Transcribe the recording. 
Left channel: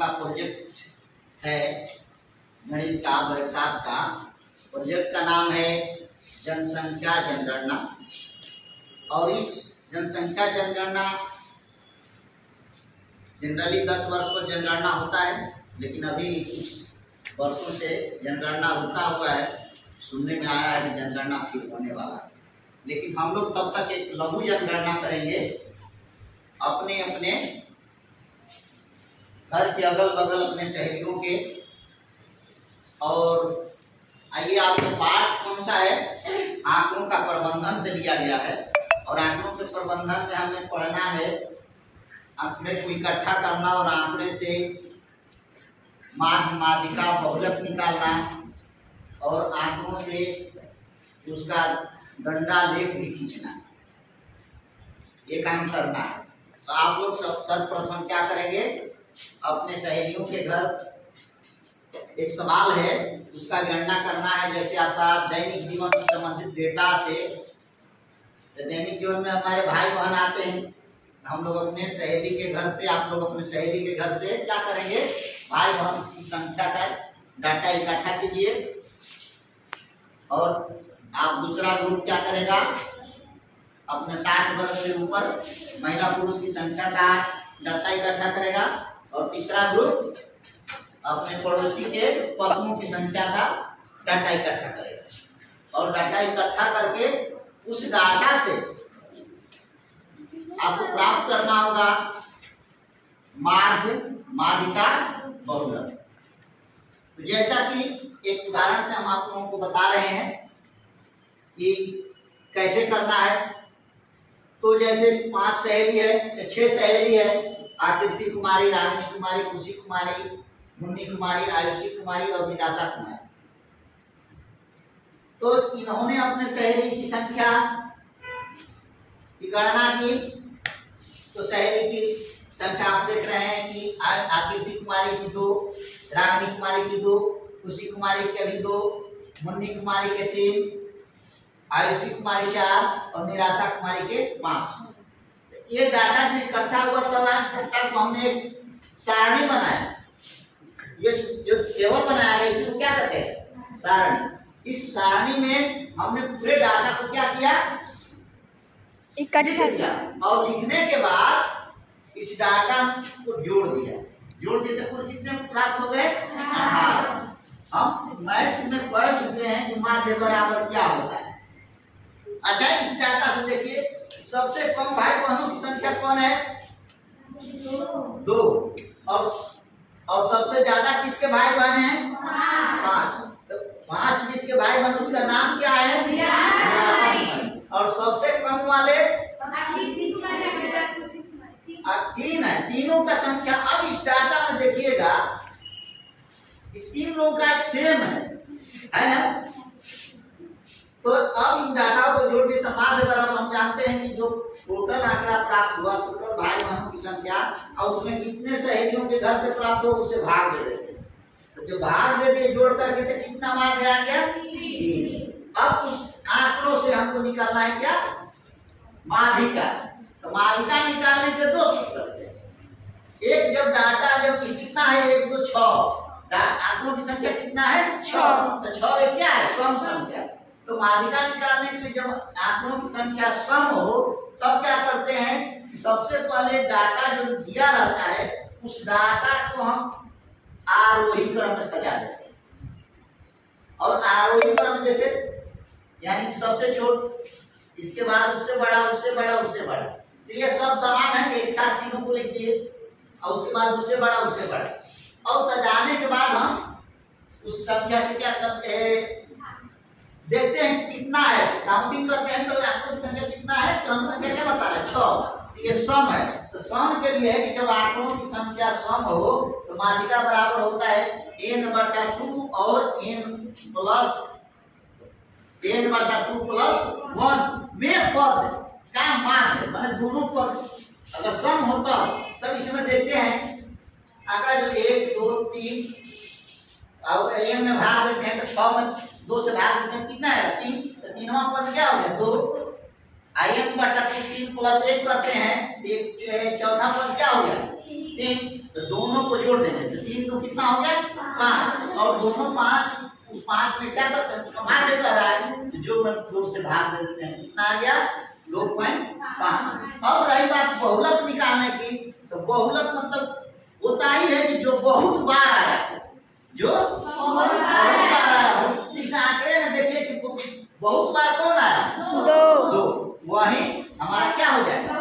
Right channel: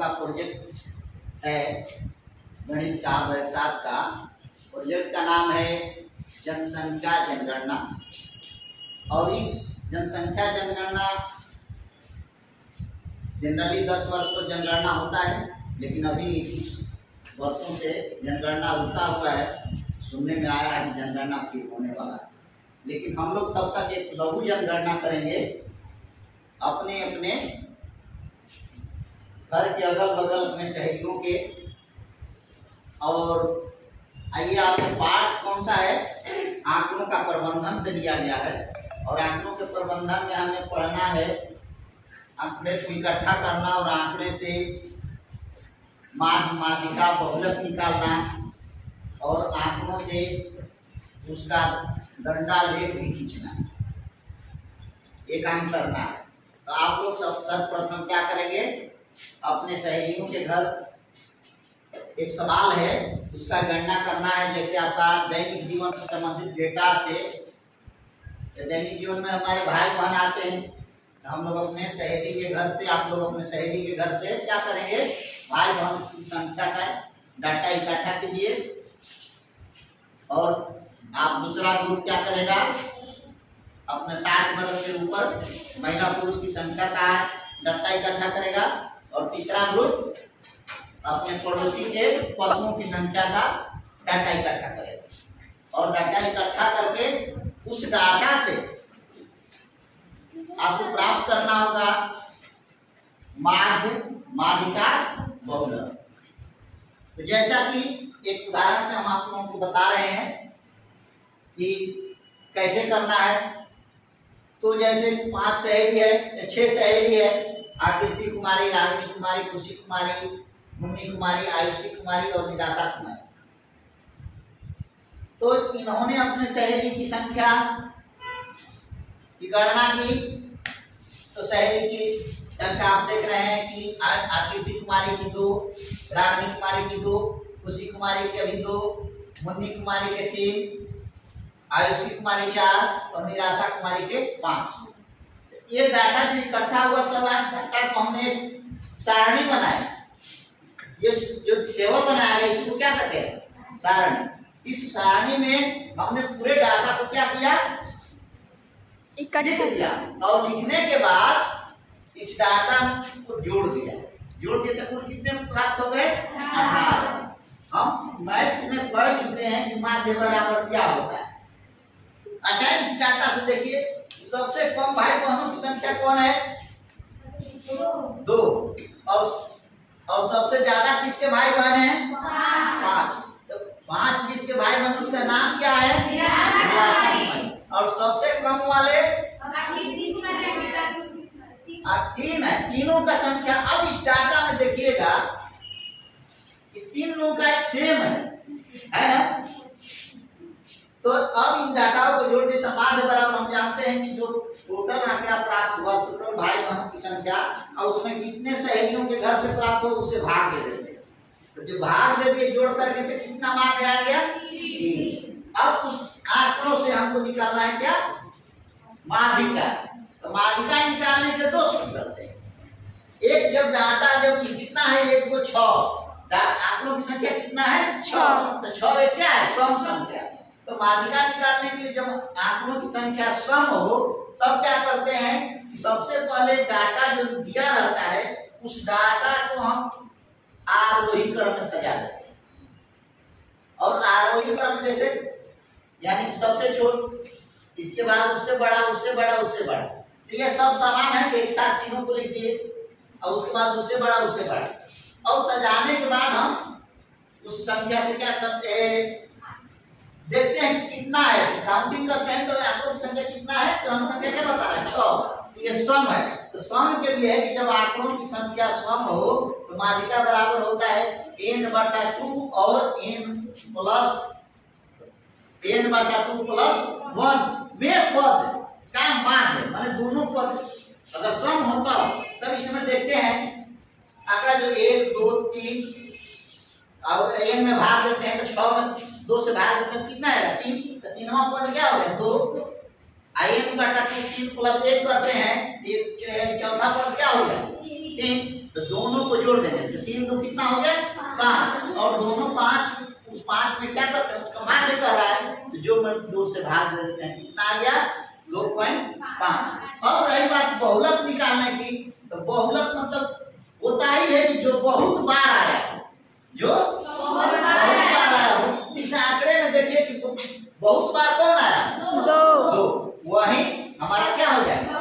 का प्रोजेक्ट है गणित का, वर्ग 7 का। प्रोजेक्ट का नाम है जनसंख्या जनगणना। और इस जनसंख्या जनगणना जनरली 10 वर्ष पर जनगणना होता है, लेकिन अभी कुछ वर्षों से जनगणना रुका हुआ है। सुनने में आया है कि जनगणना फिर होने वाला है, लेकिन हम लोग तब तक एक लघु जनगणना करेंगे अपने अपने घर के अगल बगल अपने सहेलियों के। और आइए, आपको पाठ कौन सा है? आंकड़ों का प्रबंधन से लिया गया है। और आंकड़ों के प्रबंधन में हमें पढ़ना है आंकड़े को इकट्ठा करना और आंकड़े से माध्य, माध्यिका, बहुलक निकालना और आंकड़ों से उसका गणना लेख भी खींचना। ये काम करना है। तो आप लोग सर्वप्रथम क्या करेंगे? अपने सहेलियों के घर एक सवाल है, उसका गणना करना है। जैसे आपका दैनिक जीवन से संबंधित डेटा से, तो दैनिक जीवन में हमारे भाई बहन आते हैं, हम लोग अपने सहेली के घर से, आप लोग अपने सहेली के घर से क्या करेंगे? भाई बहन की संख्या का डाटा इकट्ठा कीजिए। और आप दूसरा ग्रुप क्या करेगा? अपने 60 वर्ष से ऊपर महिला पुरुष की संख्या का डाटा इकट्ठा करेगा। और तीसरा ग्रुप अपने पड़ोसी के पशुओं की संख्या का डाटा इकट्ठा करेगा। और डाटा इकट्ठा करके उस डाटा से आपको प्राप्त करना होगा माध्य, माध्यिका, बहुलक। तो जैसा कि एक उदाहरण से हम आप लोगों को बता रहे हैं कि कैसे करना है। तो जैसे 5 सहेली है या 6 सहेली है, आकृति कुमारी, रागिनी कुमारी, खुशी कुमारी, मुन्नी कुमारी, आयुषी कुमारी और निराशा कुमारी। तो इन्होंने अपने सहेली की संख्या की गणना की। तो सहेली की संख्या आप देख रहे हैं कि आकृति कुमारी की 2, रागिनी कुमारी की 2, खुशी कुमारी की अभी 2, मुन्नी कुमारी के 3, आयुषी कुमारी 4 और निराशा कुमारी के 5। ये डाटा जो इकट्ठा हुआ सब इकट्ठा को हमने एक सारणी बनाया। ये जो टेबल बनाया है इसको क्या कहते हैं? सारणी। इस सारणी में हमने पूरे डाटा को क्या किया? इकट्ठा किया। और लिखने के बाद इस डाटा को जोड़ दिया। जोड़ दिए तो कुल कितने प्राप्त हो गए? 18। हम मैथ में पढ़ चुके हैं कि माध्य बराबर क्या होता है। अच्छा, इस डाटा से देखिए सबसे कम भाई बहनों की संख्या कौन है? 2। और सबसे ज्यादा किसके भाई बहन हैं? 5। तो 5 जिसके भाई बहन उसका नाम क्या है? और सबसे कम वाले 3 है। तीनों का संख्या अब इस डाटा में देखिएगा कि 3 लोगों का एक सेम है ना? तो अब इन डाटा को जोड़ देते माध्य बराबर हम जानते हैं कि जो टोटल आंकड़ा प्राप्त हुआ, टोटल भाई बहनों की संख्या और उसमें कितने सहेलियों के घर से प्राप्त हो उससे भाग दे देते हैं। तो जो भाग दे दिए जोड़ करके तो कितना माध्य आ गया? 3। अब उस आंकड़ों से हमको निकालना है क्या? माध्यिका। तो माध्यिका निकालने के 2 सूत्र होते हैं। एक, जब डाटा जब कितना है? 1 2 6 आंकड़ों की संख्या कितना है? 6। तो 6 क्या है? सम संख्या। तो माध्यिका निकालने के लिए जब आंकड़ों की संख्या सम हो तब क्या करते हैं कि सबसे पहले डाटा जो दिया रहता है उस डाटा को हम आरोही क्रम में सजा देते हैं। और आरोही क्रम जैसे यानी सबसे छोट, इसके बाद उससे बड़ा, उससे बड़ा, उससे बड़ा। तो ये सब समान है, एक साथ तीनों को लिख दिए और उसके बाद उससे बड़ा, उससे बड़ा। और सजाने के बाद हम उस संख्या से क्या करते हैं? देखते हैं कितना है, काउंटिंग करते हैं तो आंकड़ों की संख्या कितना है? क्रम संख्या क्या बता रहा है? 6। ये सम है। तो सम के लिए है कि जब आंकड़ों की संख्या सम हो तो माध्यिका बराबर होता है n/2 और n/2 प्लस 1 में पद का माध्य, माने दोनों पद अगर सम होता तब इसमें देखते हैं आंकड़ा जो 1 2 3 और n में भाग देते हैं तो 6 में 2 से भाग देते हैं, कितना आएगा? 3। तो 3वां पद क्या हो गया? 2। n/2 3 प्लस 1 करते हैं तो जो है चौथा पद क्या हो गया? 3। तो दोनों को जोड़ देंगे तो 3 2 कितना हो गया 5 और दोनों 5 उस 5 में क्या करते हैं उसका माध्य कर रहा है तो जो मैं 2 से भाग दे देते हैं कितना आ गया 2.5। अब रही बात बहुलक निकालने की तो बहुलक मतलब होता ही है कि जो बहुत बार आया हो जो बहुत बार आया हो। इस आंकड़े में देखिए कि बहुत बार कौन आया 2 वही हमारा क्या हो जाएगा